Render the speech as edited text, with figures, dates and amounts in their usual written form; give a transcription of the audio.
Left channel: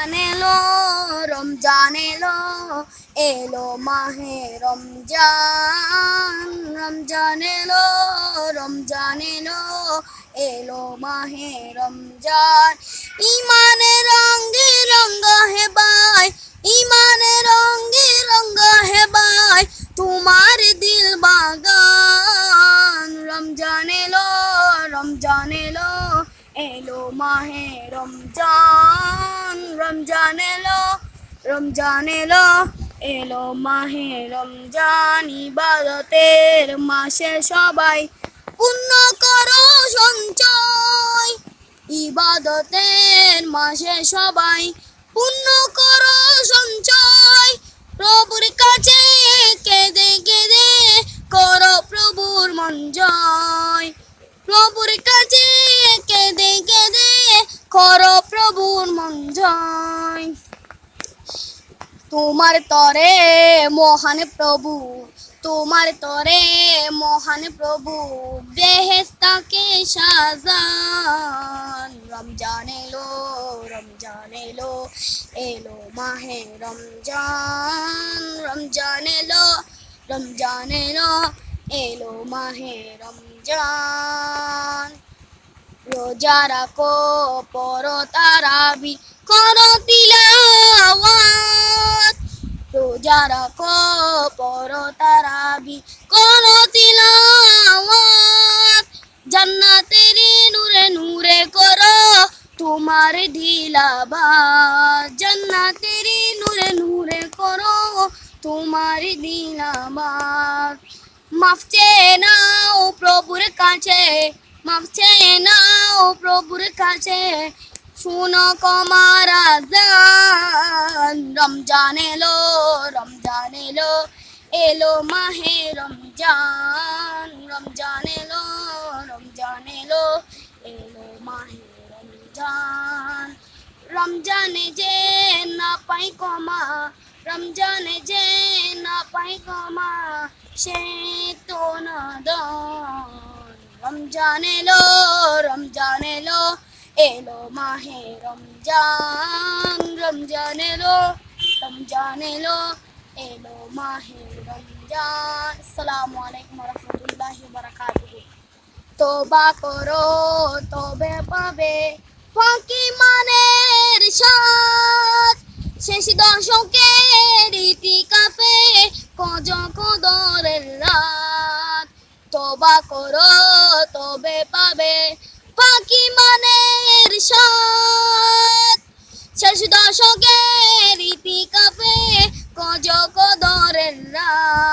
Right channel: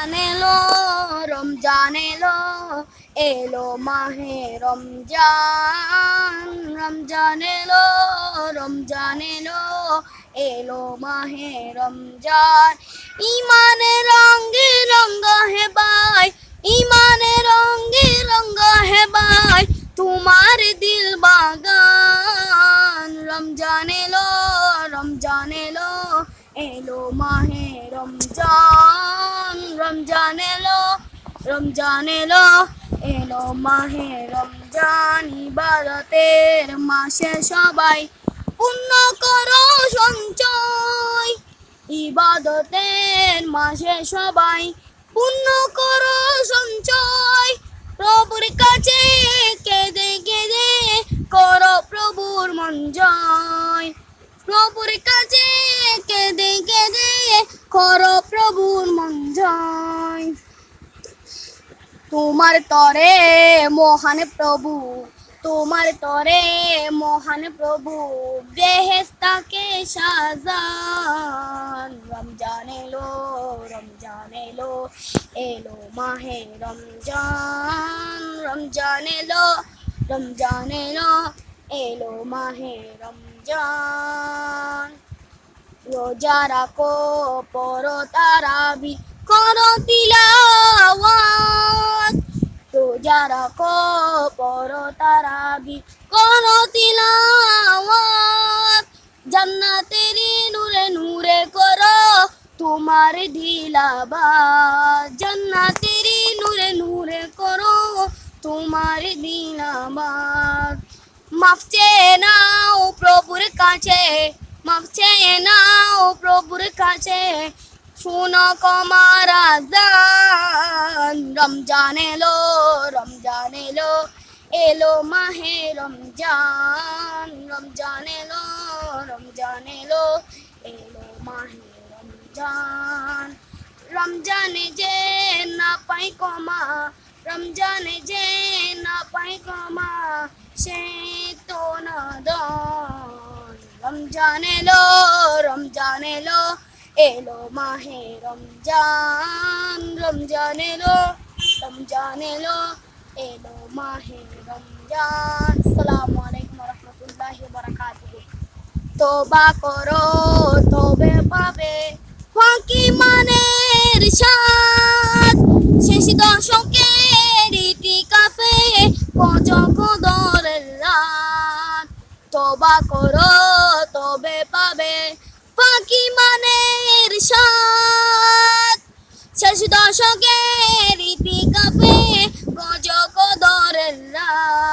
এলো রমজান এলো, এলো মাহে রমজান। রমজান এলো রমজান এলো, এলো মাহে রমজান। ইমানে রঙ্গে রঙ্গা হে ভাই, ইমানে রঙ্গে রঙ্গা হে ভাই, তোমার দিল বাগান। রমজান এলো রমজান এলো, এলো মাহে রমজান। রমজান এলো রমজান এলো, এলো মাহে রমজান। ইবাদতের মাসে সবাই পুণ্য করো সঞ্চয়, ইবাদতের মাসে সবাই পুণ্য করো সঞ্চয়। প্রভুর কাছে কেঁদে কেঁদে করো প্রভুর মন জয়, প্রভুর কাছে কেঁদে কেঁদে করো প্রভুর মন জয়। তোমার তরে মহান প্রভু, তোমার তরে মহান প্রভু বেহেশতাকে সাজান। রমজান এলো রমজান এলো, এলো মাহে রমজান। রমজান এলো রমজান এলো, এলো মাহে রমজান। রোজা রাখো পড়ো তারাবি করো তিলাওয়াত, রোজা রাখো পড়ো তারাবি করো তিলাওয়াত। জান্নাতেরি নূরে নূরে করো তোমার দিলাবাত, জান্নাতেরি নূরে নূরে করো তোমার দিলাবাত। মাফ চেয়ে নাও প্রভুর কাছে, মাফ চেয়ে নাও প্রভুর কাছে, শুনো কমার আযান। রমজান এলো রমজান এলো, এলো মাহে রমজান। রমজান এলো রমজান এলো, এলো মাহে রমজান। রমজানে যে না পাই ক্ষমা, রমজানে যে না পাই ক্ষমা, সে তো নাদান। রমজান এলো রমজান এলো, এলো মাহে রমজান। রমজান এলো রমজান এলো, এলো মাহে রমজান। আসসালামু আলাইকুম ওয়া রাহমাতুল্লাহি ওয়া বারাকাতুহু। তওবা করো তবে পাবে ফাঁকি মানের স্বাদ, শেষ দশকের ইতিকাফে কদরের রাত। তওবা করো তবে পাবে ফাঁকি মানের স্বাদ, শেষ দশকের ইতিকাফে কদরের রাত।